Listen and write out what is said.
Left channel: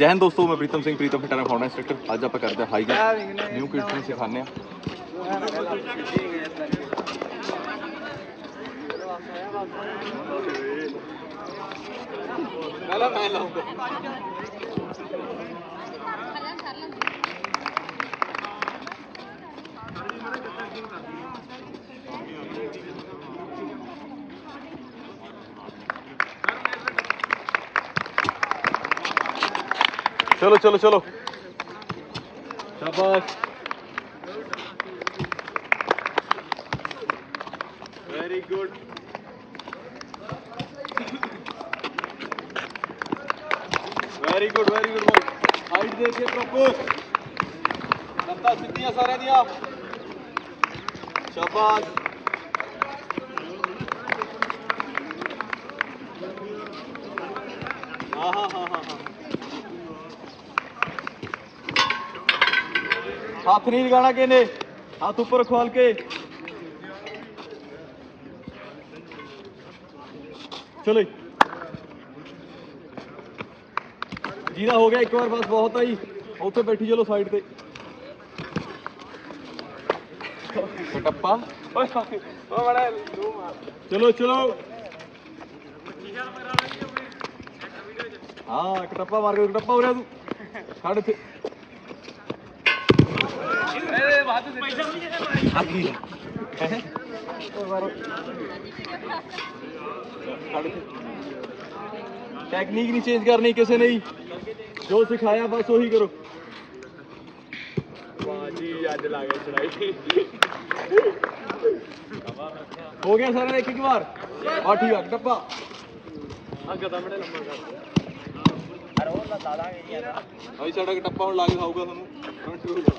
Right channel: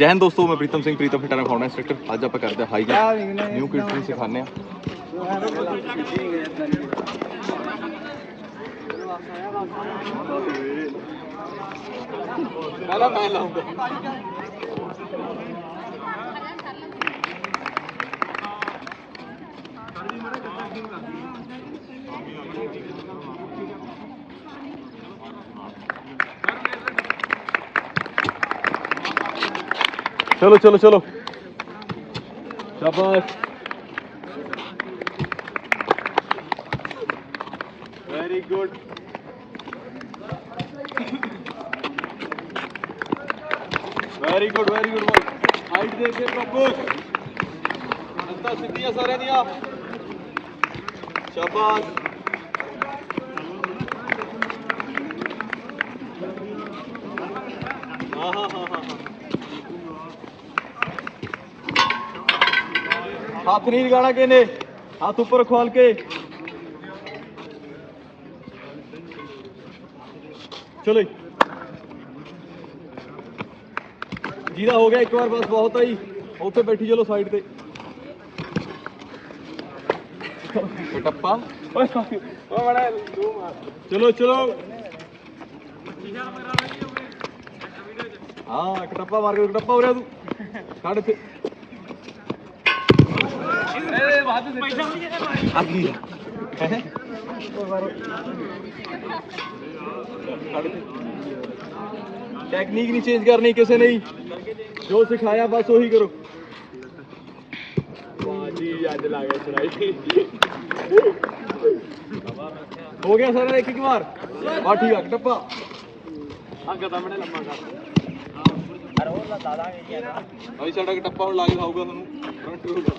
जैन दोस्तों मैं Pritam Singh Pritam fitter founder instructor अब आप करते हैं ਜੰਪ न्यू किट सिखाने चलो चलो चलो शाबाश very good very good very good ball height देखिए प्रभु नंदा सिद्धियां सारे दिया शाबाश हाँ हाँ हाँ हाँ हाँ ਹੱਥ ਨਹੀਂ ਲਗਾਣਾ ਕਿਨੇ ਹੱਥ ਉੱਪਰ ਖੋਲ ਕੇ ਚਲੋ ਜਿਹਦਾ ਹੋ ਗਿਆ ਇੱਕ ਵਾਰ ਬਸ ਬਹੁਤ ਆਈ ਉੱਥੇ ਬੈਠੀ ਚਲੋ ਸਾਈਡ ਤੇ ਟੱਪਾ ਓਏ ਲੂ ਮਾਰ ਚਲੋ ਚਲੋ ਹਾਂ ਟੱਪਾ ਮਾਰ ਕੇ ਟੱਪਾ ਹੋ ਰਿਹਾ ਤੂੰ ਸਾਡੇ ਤੇ ਆ ਹੈ ਟੈਕਨੀਕ ਨਹੀਂ ਚੇਂਜ ਕਰਨੀ ਕਿਸੇ ਨੇ ਜੋ ਸਿਖਾਇਆ ਬਸ ਉਹੀ ਕਰੋ ਵਾਹ ਜੀ ਅੱਜ ਲਾ ਗਿਆ ਚੜਾਈ ਹੋ ਗਿਆ ਸਾਰਾ ਇੱਕ ਇੱਕ ਵਾਰ ਆ ਠੀਕ ਆ ਡੱਬਾ ਅੱਗੇ ਸਾਹਮਣੇ ਲੰਮਾ ਕਰ ਭਾਈ ਸਾਡਾ ਟੱਪਾ ਹੁਣ ਲੱਗ ਜਾਊਗਾ ਤੁਹਾਨੂੰ ਫਰੰਟ ਹੋਊਗਾ